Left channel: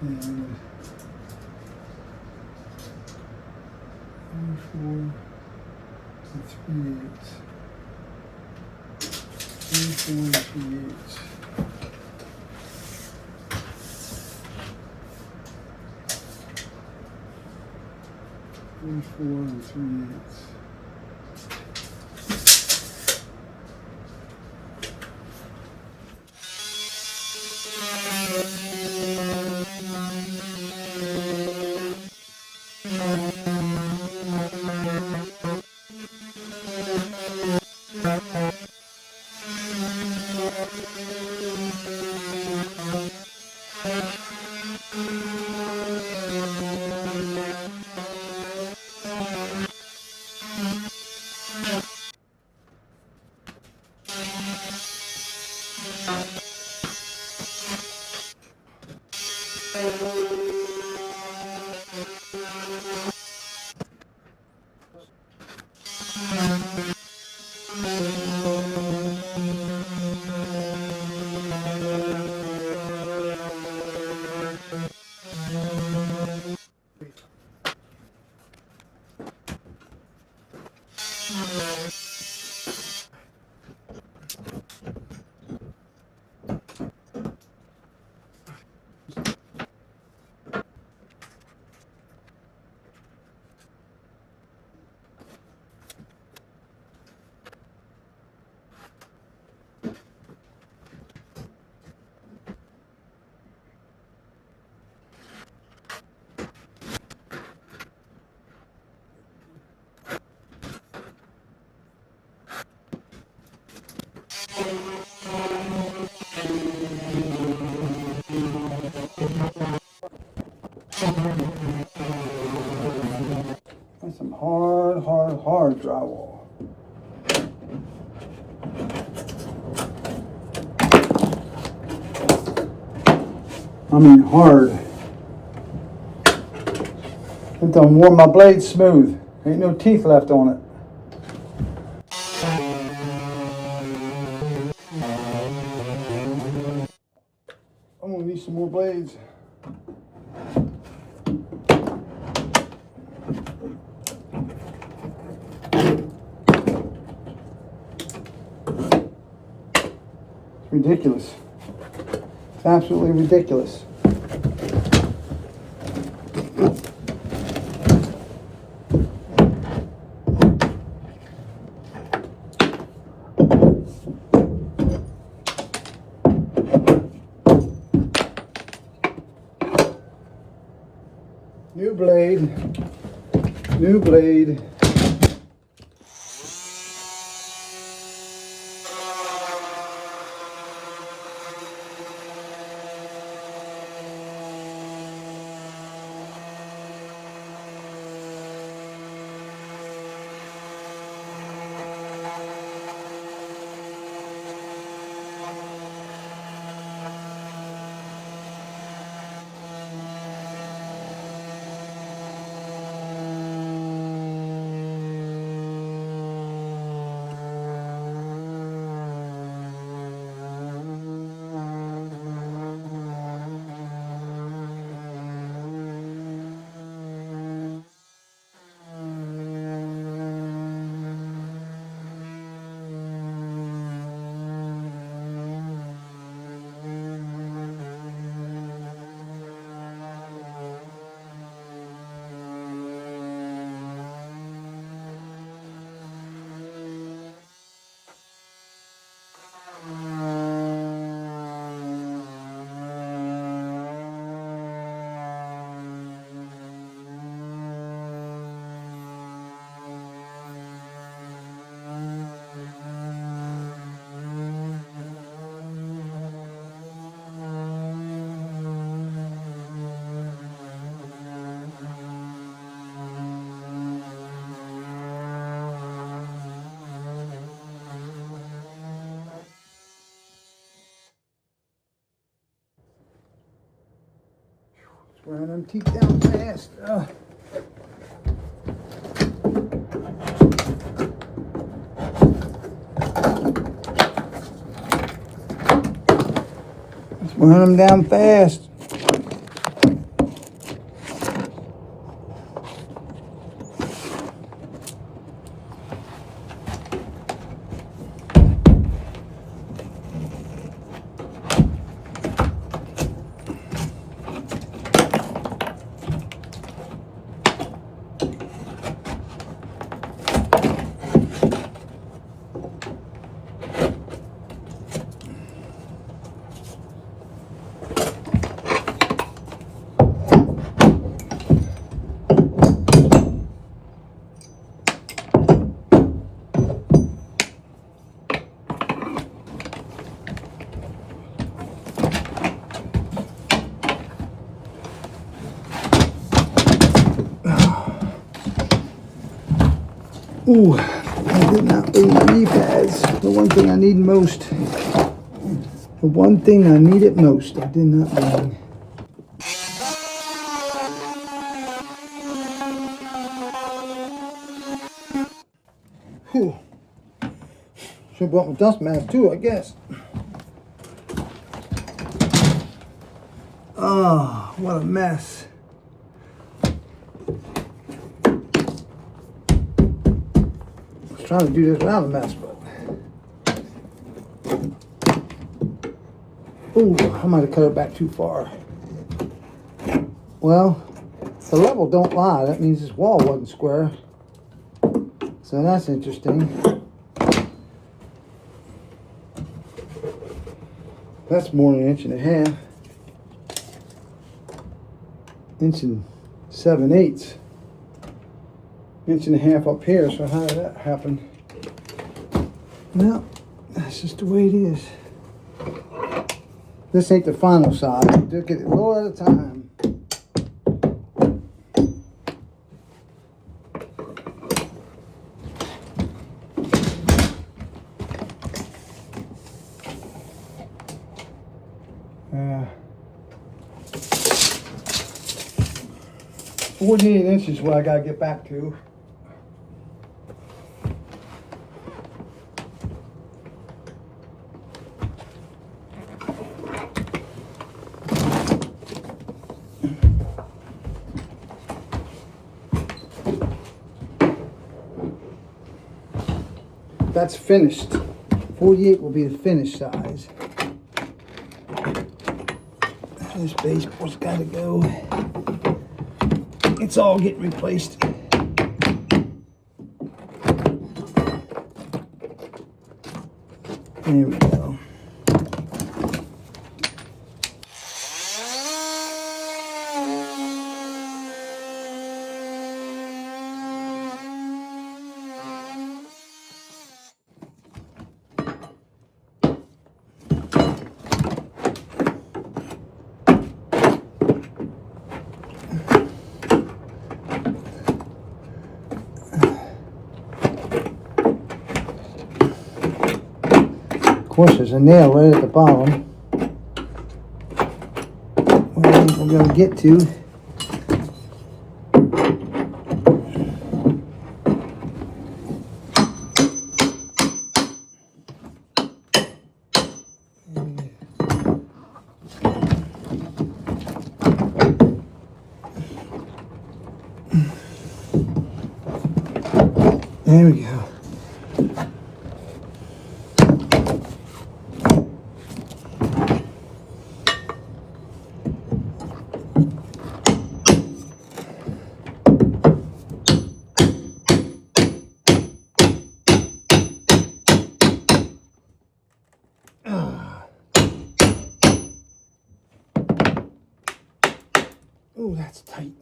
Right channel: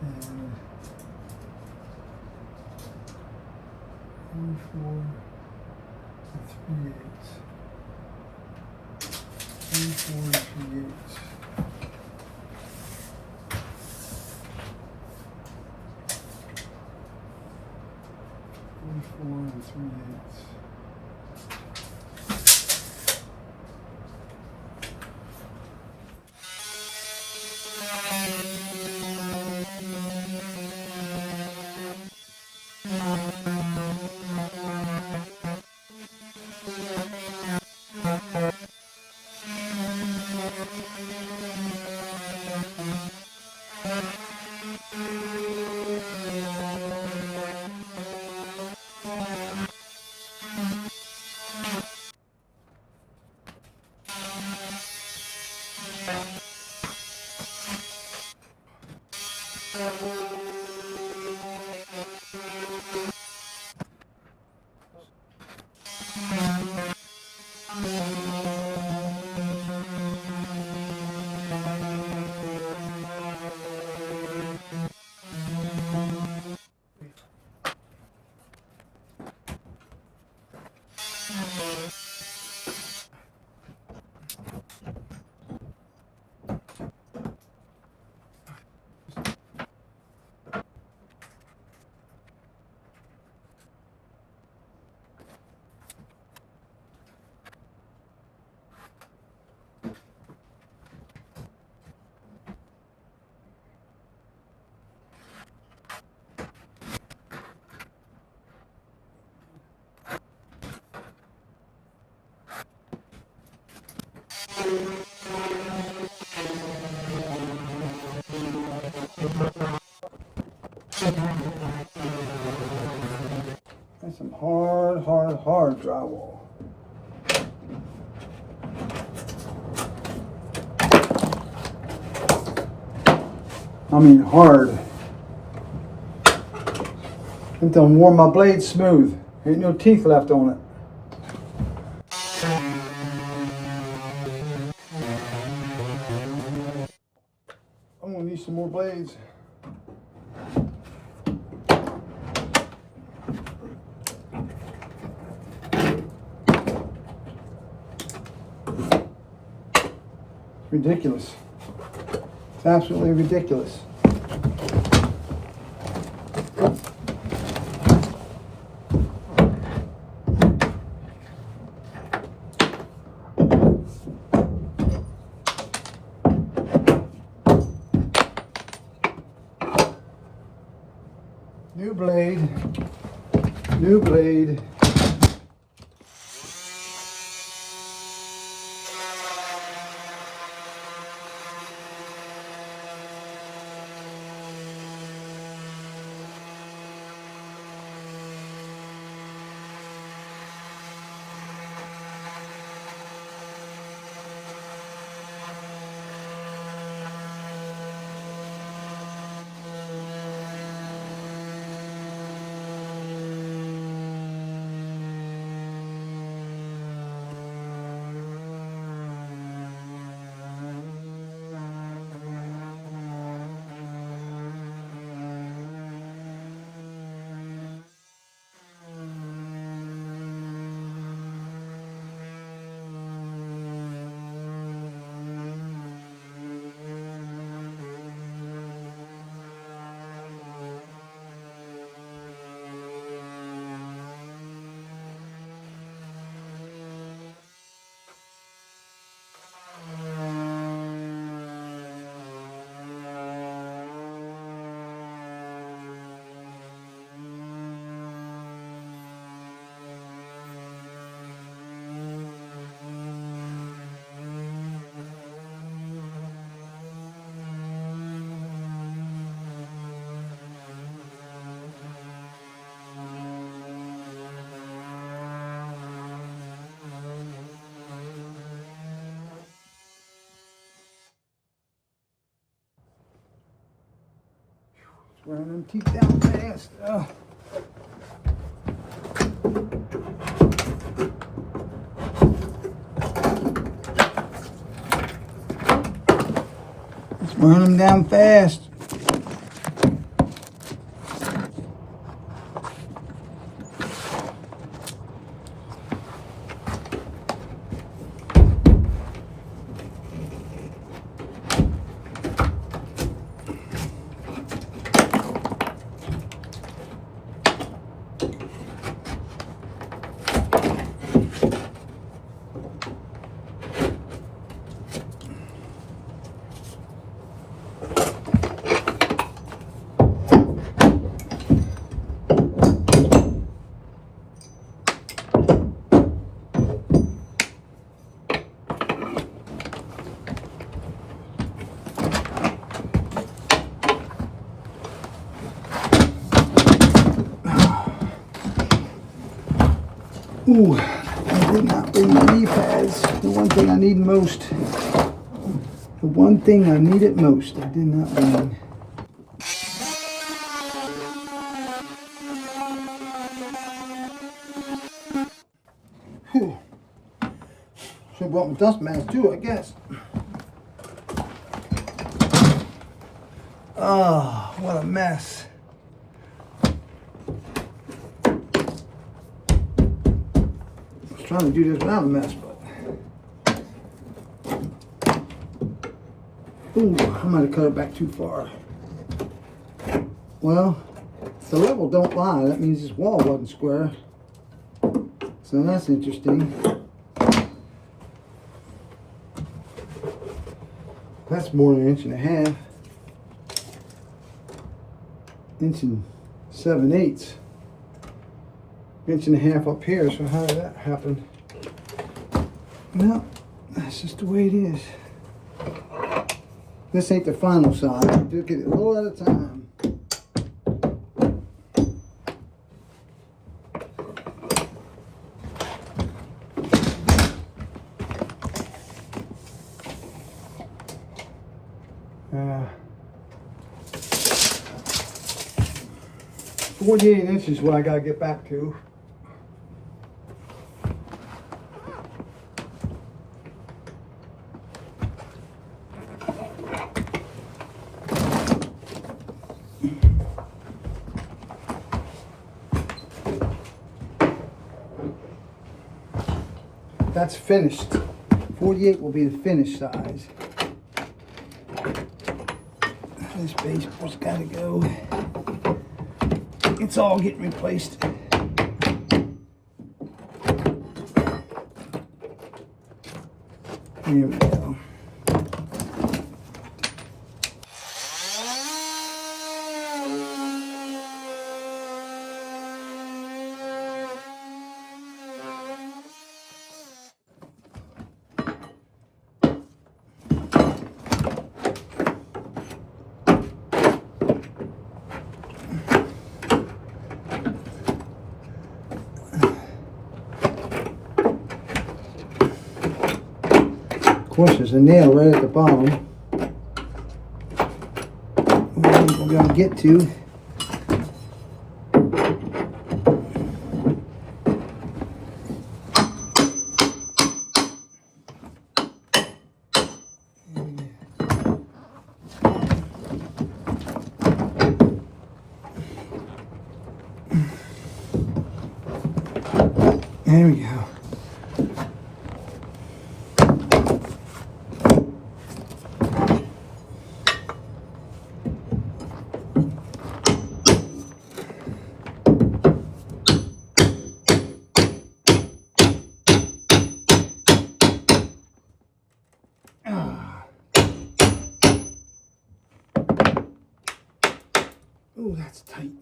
and 34 and 3/8. 34 and 3/8. 34 and 3/8. That's some hard drywall. I mean hard. It done worn my blade smooth. Ain't no teeth left on it. I'm gonna need some more blades. It's ridiculous. It's absolutely ridiculous. New blade, new blade. Wearing them teeth down fast. Ugh. Run them down fast. Ooh, I did not bring my knee pads. The one thing I need most. The one thing I needed most, I did not bring. Whew. Should have brought my dust mask too, I guess. Oh, what a mess. Trying to do this without a mess, but ooh, I might have cut it back too far. Well, the level don't lie. That means this wall wasn't square, so that's interesting. That's more than an inch and a half. Inch and 7/8. Inch and a half up here, so how did that happen? Well, that's just the way it is. This ain't the final size. Look at it a little at a time. Uh, 48 inches is what I gotta get back to. That's finished. 48 will be the finished size. This baseboard's got to go. It's all getting replaced. There we go. Of course, there's a nail right at the bottom. Where I think we're going to get to. There we go. Ooh, that's tight.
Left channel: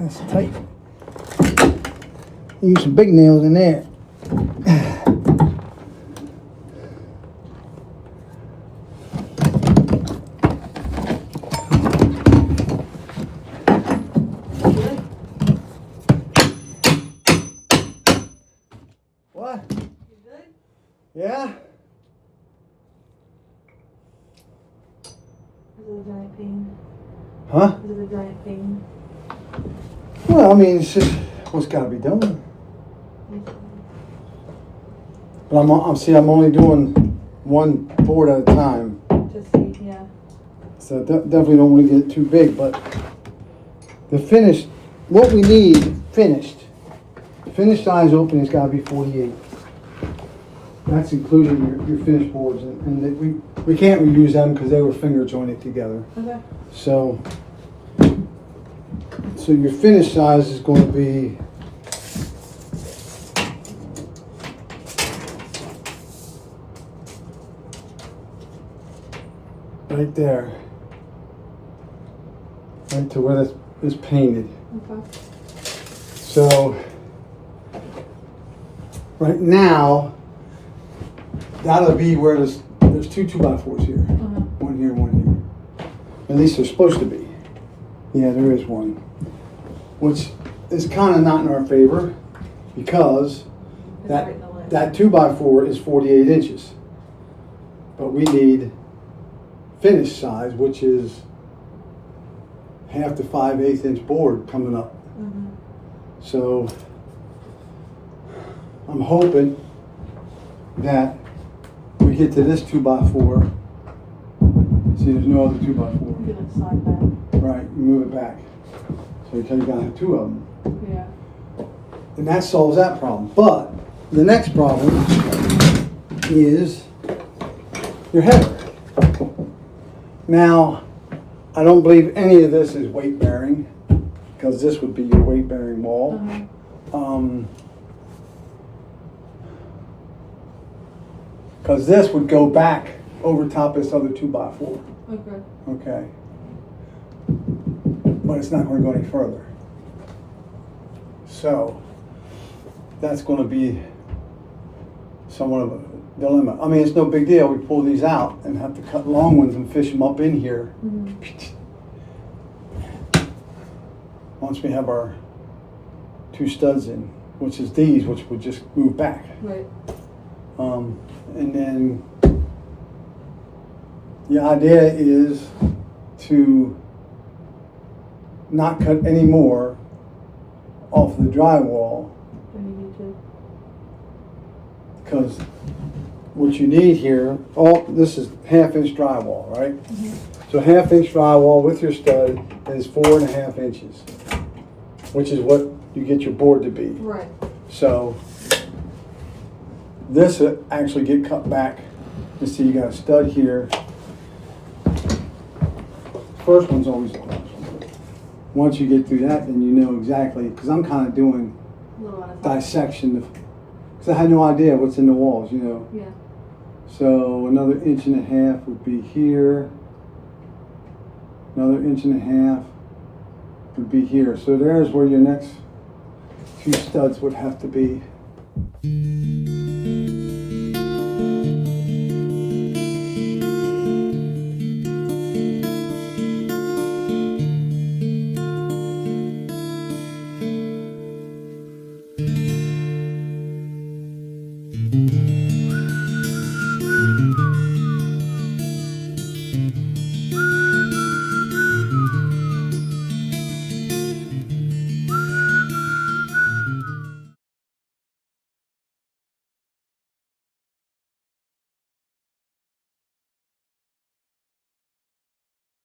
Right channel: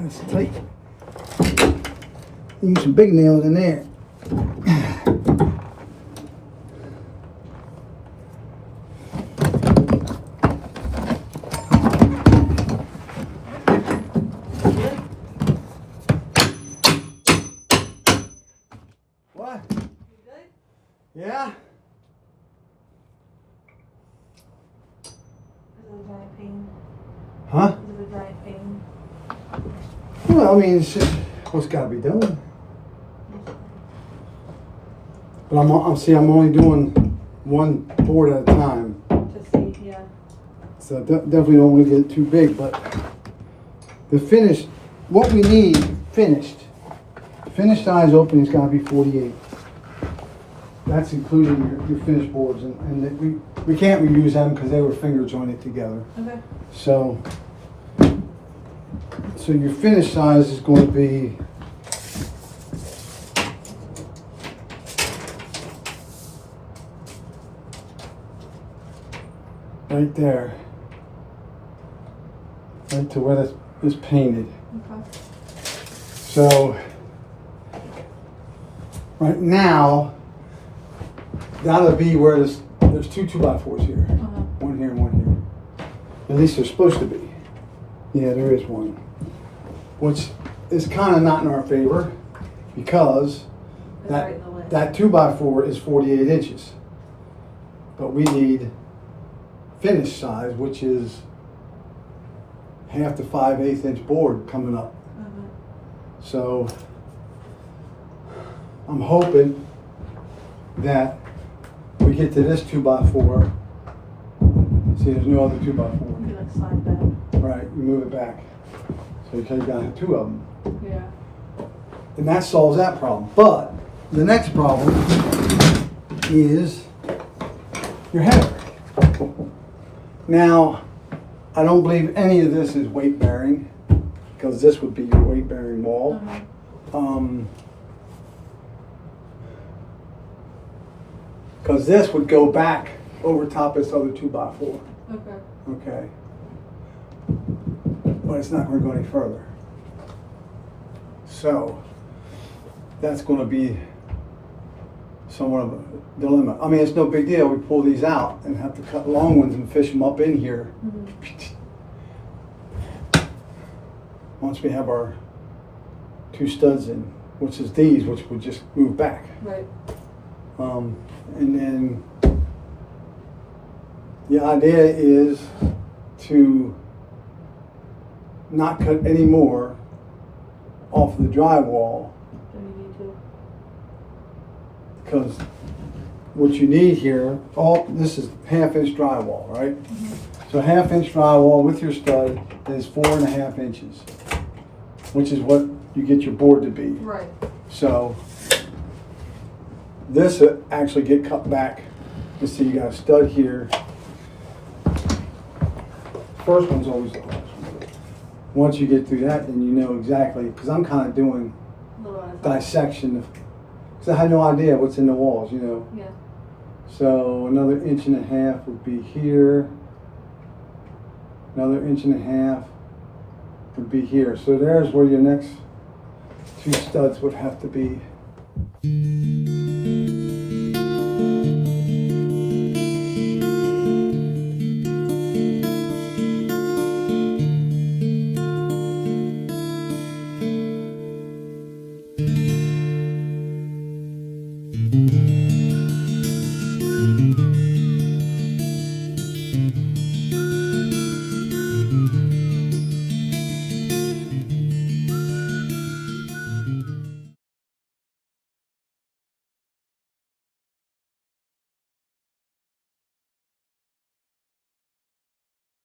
That's tight. Use some big nails in there. Yeah? Is it a giant pain? Huh? Is it a giant pain? Well, I mean, it's just what's got to be done. But I'm only doing one board at a time. Just see, yeah. So definitely don't want to get it too big, but the finished, what we need finished size opening's got to be 48. That's including your finished boards, and we can't reuse them because they were finger jointed together. Okay. So your finished size is going to be right there, right to where this is painted. Okay. So right now, that'll be where there's 2 2x4s here. One here, one here. At least there's supposed to be. Yeah, there is one. Which is kind of not in our favor because that 2x4 is 48 inches. But we need finished size, which is half to 5/8 inch board coming up. So I'm hoping that we get to this 2x4. See, there's no other 2x4. You like slide back. Right, you move it back. So you kind of got to have 2 of them. Yeah. And that solves that problem. But the next problem is your header. Now, I don't believe any of this is weight bearing because this would be your weight bearing wall. Because this would go back over top of this other 2x4. Okay. Okay. But it's not going to go any further. So that's going to be somewhat of a dilemma. I mean, it's no big deal. We pull these out and have to cut long ones and fish them up in here. Once we have our 2 studs in, which is these, which would just move back. Right. And then the idea is to not cut any more off the drywall Then you need to. because what you need here, this is 1/2 inch drywall, right? So 1/2 inch drywall with your stud is 4.5 inches, which is what you get your board to be. Right. So this will actually get cut back. You see, you got a stud here. First one's always the hardest one. Once you get through that, then you know exactly, because I'm kind of doing A little at a time. dissection, because I had no idea what's in the walls, you know. Yeah. So another 1.5 inches would be here. Another 1.5 inches would be here. So there's where your next 2 studs would have to be.